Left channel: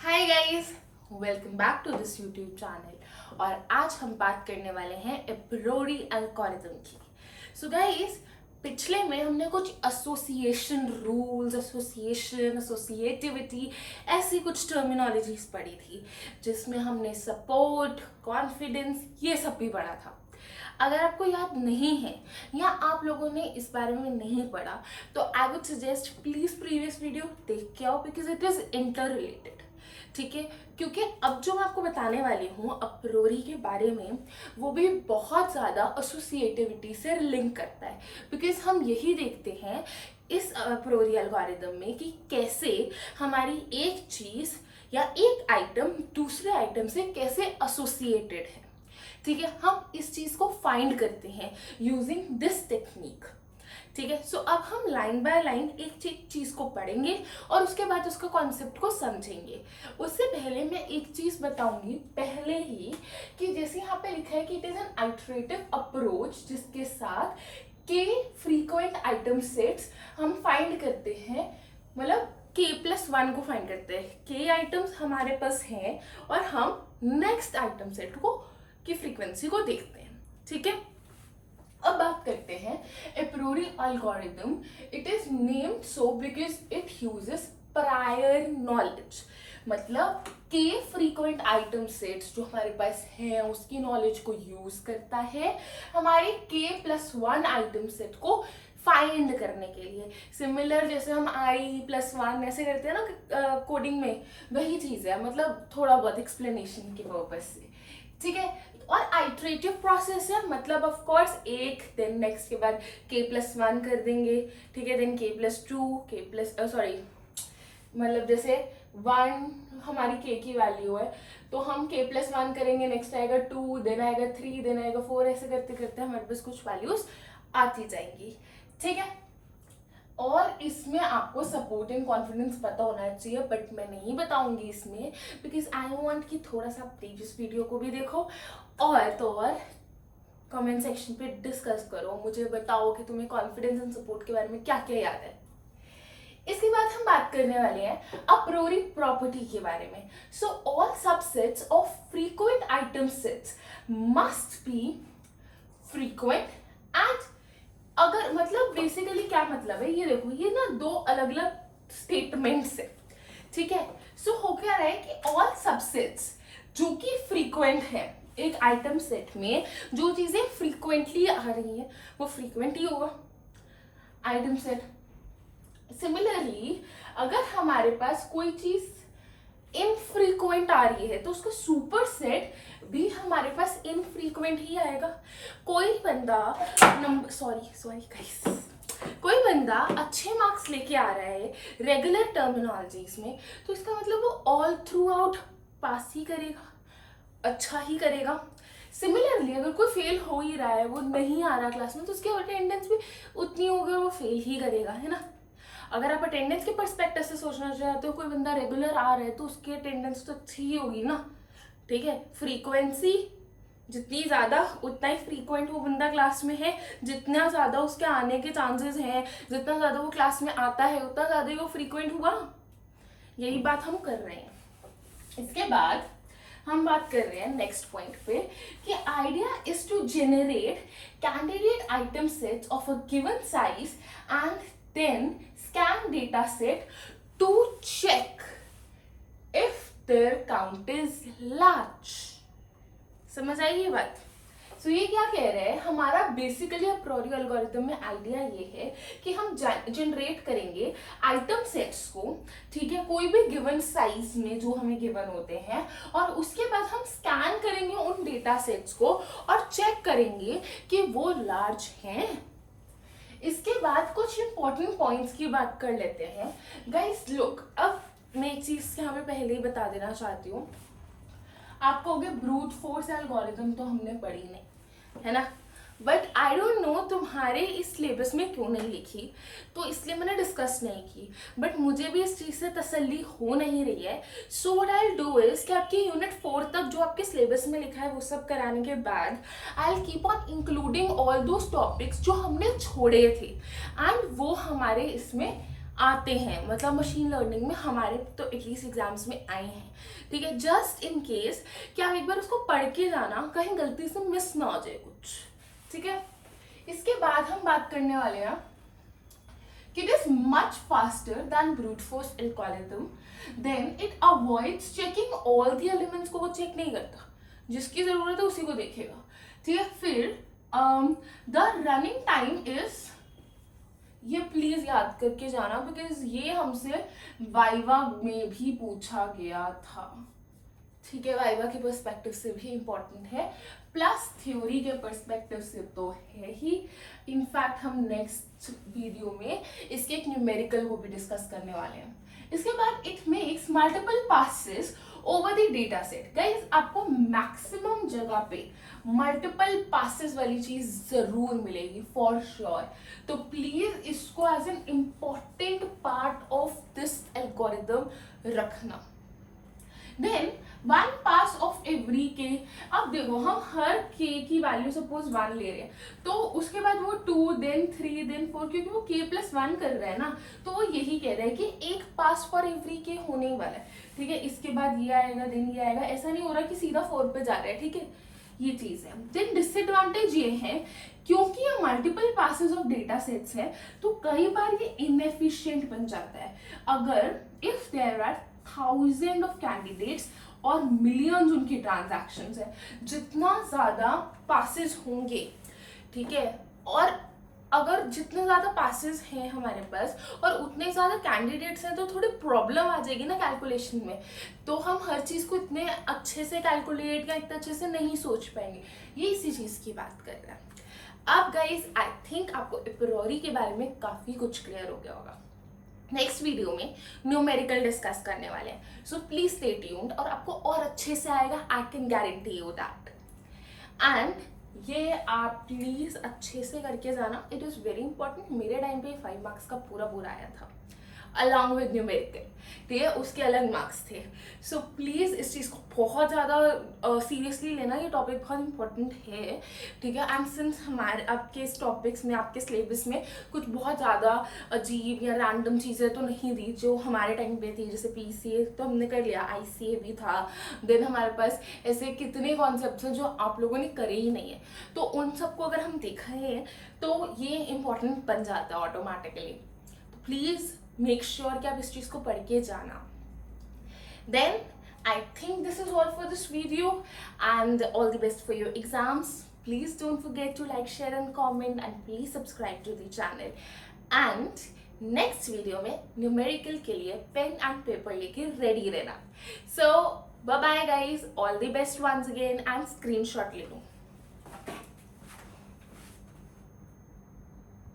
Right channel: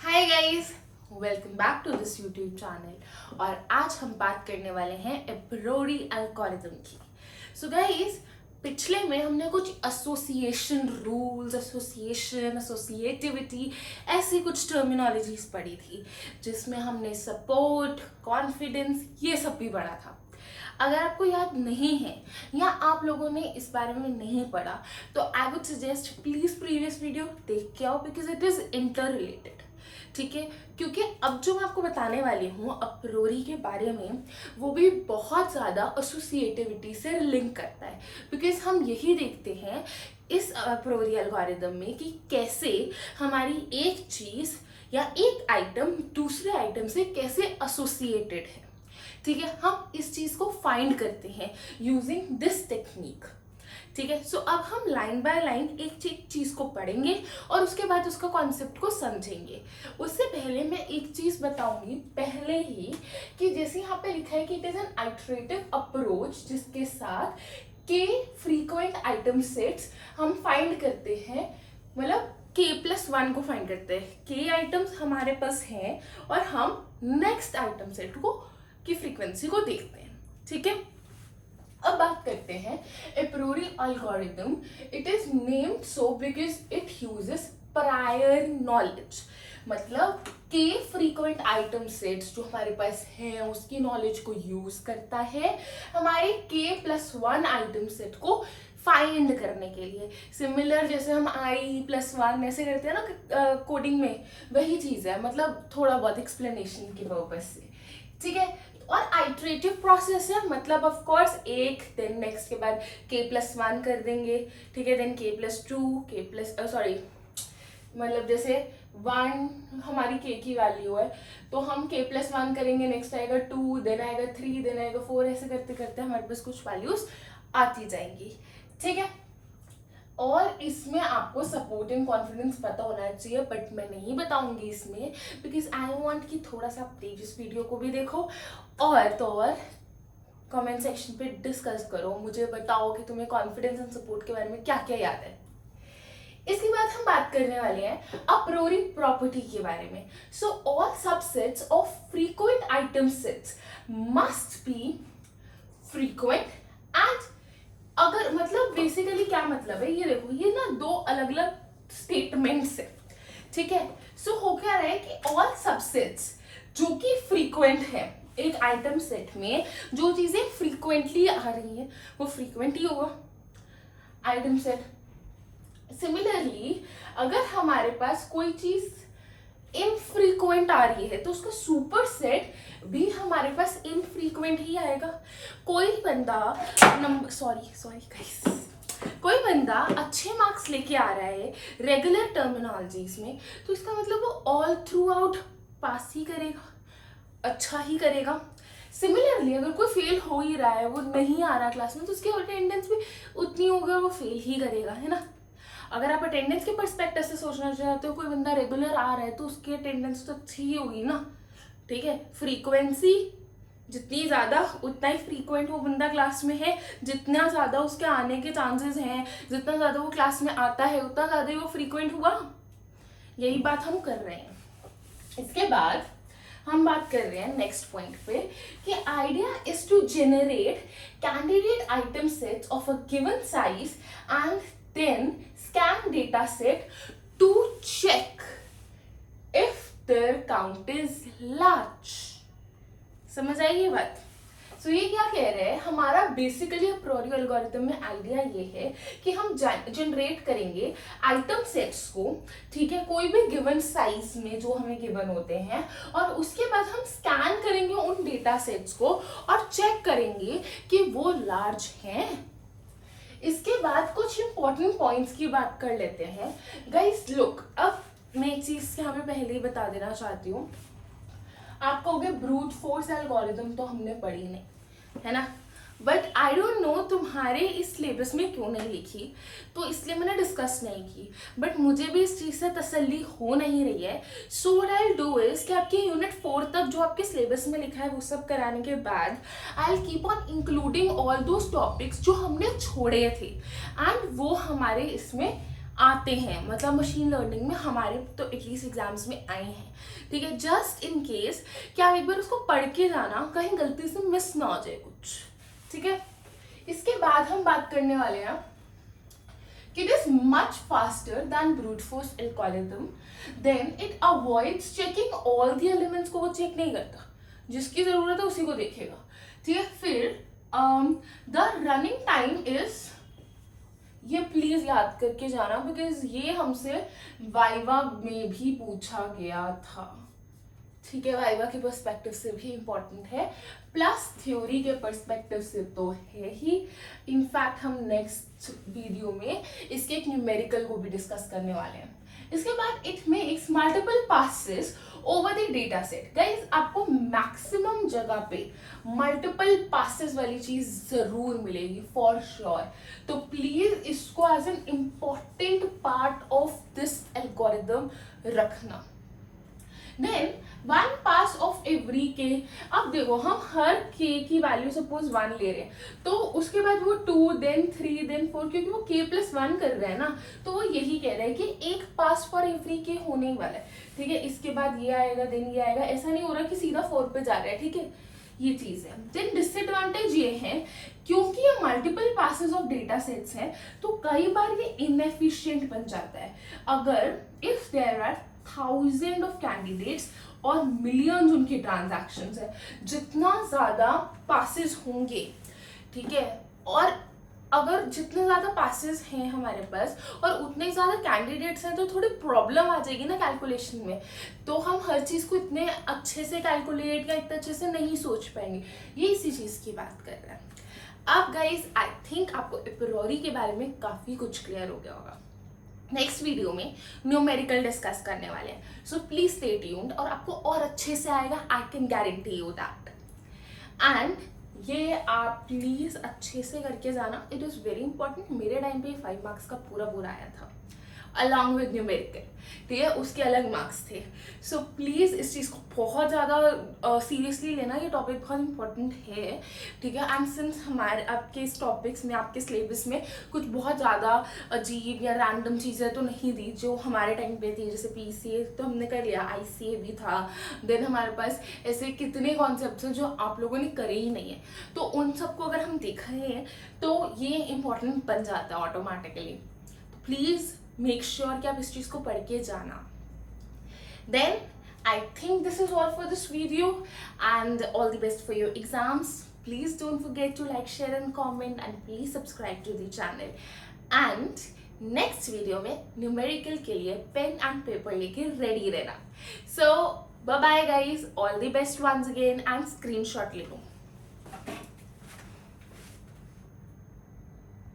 Hi guys, welcome back to this YouTube channel. और आज हम बात करने वाले हैं एप्रोरी एल्गोरिथम की। सो गाइस, पिछले में हमने कुछ एसोसिएशन रूल्स, एसोसिएटिविटी, ऐसी कुछ टर्मिनोलॉजीज पढ़ी थी, जिसमें हमने सपोर्ट, कॉन्फिडेंस, ये सब भी पढ़ा था। अगर आपको याद नहीं है या आप लोगों ने इस बारे में नहीं पढ़ा, तो I would suggest please previous video देख के आओ, because it is inter related. ठीक है, क्योंकि अब जो मैं आपको बताने वाली हूँ अप्रोरी के बारे में, वो भी बहुत ज़्यादा एसोसिएटिविटी से लिंक करता है। बिकॉज हम यही देखते हैं इस अप्रोरी एल्गोरिदम में कि कैसे हमारी एक चीज़ या एक आइटम दूसरे आइटम से कैसे एसोसिएटेड है। ठीक है, हम इस चीज़ को फाइंड करते हैं यूजिंग दिस टेक्निक। ठीक है, सो अब हम लाइन बाय लाइन एक चीज को पढ़ेंगे और उसके बाद उसका कॉन्सेप्ट को समझेंगे। उससे पहले मैं एक चीज बताऊंगी पहले ही, कि जैसे यहाँ पे लिखा है कि it is an iterative approach जिसके साथ के फ्रीक्वेंट आइटम सेट्स हम फाइंड करते हैं, मतलब k+1 को फाइंड करते हैं। के आइटम्स हमारे पास हैं और हम नेक्स्ट आइटम सेट को की फ्रीक्वेंसी को देखते हैं। ठीक है, अब बात करते हैं apriori algorithm. It is named so because it uses prior knowledge, मतलब के फ्रीक्वेंट आइटम सेट्स जो हमारे पास हैं उसकी नॉलेज को यूज करता है हमारे k+1 आइटम सेट को फाइंड करने के लिए। सिमिलर जैसे हम i+1 ऐसे करते हैं ना कोडिंग में, वही चीज है, मतलब थोड़ा बहुत एक्सप्लेनेशन के पर्पज से। ठीक है, और आइटरेटिव प्रोसेस है, मतलब ऑफ कोर्स एक देन नेक्स्ट के बाद k+1 कर देंगे। ठीक है, देन k+2 सॉरी, मतलब जैसे 1 हमारी k की वैल्यू है तो हम k+1 करेंगे, नेक्स्ट आएगा 2, देन आएगा 3, देन आएगा 4, ऐसे करते करते हमारे पास कुछ वैल्यूज आती जाएंगी। ठीक है, और इसमें आपको सपोर्ट एंड कॉन्फिडेंस पता होना चाहिए, बट मैं नहीं बताऊंगी इसमें, बिकॉज आई वांट कि थोड़ा सा प्रीवियस वीडियो को भी देखो और तो और कमेंट सेक्शन पे डिस्कस करो, मुझे बताओ कि तुम्हें कॉन्फिडेंस एंड सपोर्ट के बारे में क्या क्या याद है। इसके बाद हम बात करने वाले हैं अप्रोरी प्रॉपर्टी के बारे में। So all subsets of frequent item sets must be frequent and, अगर मतलब बेसिकली क्या मतलब है, ये देखो, ये ना दो अलग अलग स्टेटमेंट्स है। ठीक है, सो हो क्या रहा है कि ऑल सबसेट्स जो कि फ्रीक्वेंट है एक आइटम सेट में, जो चीजें फ्रीक्वेंटली आ रही हैं वो फ्रीक्वेंट ही होगा आइटम सेट। सिमिलरली अगर हमारे पास कोई चीज इनफ्रीक्वेंट आ रही है तो उसका सुपर सेट भी हमारे पास इनफ्रीक्वेंट ही आएगा। कोई बंदा कोई बंदा अच्छे मार्क्स लेके आ रहा है रेगुलर टर्मिनोलॉजीज में, तो इसका मतलब वो ऑल थ्रू आउट पास ही करेगा, अच्छा ही करेगा। सिमिलरली अगर कोई फेल हो ही रहा है, वो नहीं आ रहा क्लास में, तो उसकी अटेंडेंस भी उतनी होगी और वो फेल ही करेगा, है ना। अगर आप अटेंडेंस के पर्सपेक्टिव से सोचना चाहते हो, कोई बंदा रेगुलर आ रहा है तो उसकी अटेंडेंस तो अच्छी ही होगी ना। ठीक है, फ्रीक्वेंसी जितनी ज्यादा उतना ही फ्रीक्वेंट वो बंदा क्लास में है, जितना ज्यादा उसके आने के चांसेस हैं, जितना ज्यादा वो क्लास में आता है उतना ज्यादा ही वो फ्रीक्वेंट हुआ। यही बात हम कर रहे हैं। इसके बाद हम बात कर रहे हैं नेक्स्ट पॉइंट पे कि idea is to generate candidate item sets of a given size and then scan data set to check if their count is large। समझ आई ये बात। सो ये क्या कह रहे हैं, हमारा बेसिकली अप्रोरी एल्गोरिथम में आइडिया ये है कि हम जनरेट करेंगे आइटम सेट्स को, ठीक है, कोई भी गिवन साइज में जो हमें गिवन होते हैं, और उसके बाद हम स्कैन करेंगे उन डेटा सेट्स को और चेक करेंगे कि वो लार्ज हैं। इसके बाद कुछ इंपॉर्टेंट पॉइंट्स की बात कर लेते हैं। गाइस लुक, अब मैं एक चीज यहाँ पे पहले ही बता देना चाहती हूँ, आप कहोगे ब्रूट फोर्स एल्गोरिथम तो हमने पढ़ी नहीं, है ना, बट आई डोंट नो तुम्हारे इस सिलेबस में क्यों नहीं लिखी, तो इसलिए मैंने डिस्कस नहीं की, बट मुझे भी इस चीज़ से तसल्ली हो नहीं रही है। So what I do is कि आपके यूनिट 4 तक जो आपके सिलेबस में लिखा है वो सब कराने के बाद I will keep on including all those topics जो हमने छोड़े थे, एंड वो हमारे इसमें आते हैं, मतलब मशीन लर्निंग में हमारे तो एटलीस्ट एग्जाम्स में आए हैं, ठीक है। जस्ट इन केस कि आप एक बार उसको पढ़ के जाना, कहीं गलती से मिस ना हो जाए कुछ, ठीक है। इसके बाद हम बात करने वाले हैं कि it is much faster than brute force algorithm, then it avoids checking all the elements को वो चेक नहीं करता, जिसकी जरूरत है उसी को देखेगा, ठीक है। फिर द रनिंग टाइम इज, ये प्लीज याद करके जाना बिकॉज ये हमसे वाइवा में भी पूछा गया था, ठीक है। वाइवा के पर्सपेक्टिव से भी इम्पोर्टेंट है, प्लस थ्योरी के पर्सपेक्टिव से तो है ही। इनफैक्ट हम नेक्स्ट वीडियो में इसके एक न्यूमेरिकल को भी डिस्कस करने वाले हैं। इसके बाद it makes multiple passes over the data set. Guys आपको मैक्सिमम जगह पे मल्टीपल पासेस वाली चीज जरूर मिलेगी फॉर श्योर, तो प्लीज इसको as an important part of this algorithm रखना। Then one pass of every k, अब देखो हम हर के की वैल्यू सपोज 1 ले रहे हैं, तो उसके बाद वो 2 देन 3 देन 4, क्योंकि वो k प्लस 1 कर रहा है ना, तो वो यही कह रहा है कि एक पास फॉर एवरी के होने ही वाला है, ठीक है। इसके बाद ये आएगा देन ये आएगा, ऐसा नहीं हो रहा कि सीधा 4 पे जा रहा है, ठीक है। ये चीज है। देन डिसएडवांटेज ये है क्योंकि ये multiple passes of data sets हैं, तो कई बार ये इनएफिशिएंट बन जाता है। अगर if there are thousand of candidates और मिलियंस उनके ट्रांजैक्शंस है, जितना ज्यादा पासेस होंगे, ठीक है, और अगर जितने ज्यादा पासेस हैं हमारे पास और उतने ज्यादा कैंडिडेट्स हैं, तो थोड़ी प्रॉब्लम आ जाएगी ना कैलकुलेशन में, तो हम हर चीज को इतने अच्छे से कैलकुलेट या इतने अच्छे से नहीं सोच पाएंगे। ये इसी चीज की बात कर रहे हैं। अब गाइज आई थिंक आपको एप्रोरी के बारे में काफी कुछ क्लियर हो गया होगा। नेक्स्ट वीडियो में न्यूमेरिकल डिस्कस करने वाले हैं, सो प्लीज स्टे ट्यून्ड, और आपको और अच्छे से आएगा, I can guarantee you that. And ये आप प्लीज अच्छे से करके जाना, इट इज वेरी इंपॉर्टेंट। मेरे टाइम पे 5 मार्क्स का पूरा आया था अलॉन्ग विद न्यूमेरिकल, ठीक है, उसके अलग मार्क्स थे। सो प्लीज इस चीज को बहुत ज्यादा सीरियसली लेना, ये टॉपिक बहुत इंपॉर्टेंट है, ठीक है। एंड सिंस हमारे आपके इस टॉपिक्स में, आपके सिलेबस में कुछ बहुत ज्यादा अजीब या रैंडम चीजें तो नहीं दी जो हमारे टाइम पे थी, जैसे पीसीए तो हमने कर लिया, आईसीए भी था, देन हमारे पास ऐसे कितने कॉन्सेप्ट्स हैं जो आप लोगों ने करे ही नहीं है, तो उन सबको अगर हम देख रहे हैं तो ये इंपॉर्टेंट बन जाता है ऑटोमेटिकली। तो प्लीज मेक श्योर कि आप इस चीज को पढ़ के जाना। Then I think this is all for this video and all the best for your exams. Please don't forget to like, share and comment and please subscribe to the channel. And next video में numerical के लिए pen and paper लेके ready रहना। So bye bye guys, all the best once again, and screenshot ले लो।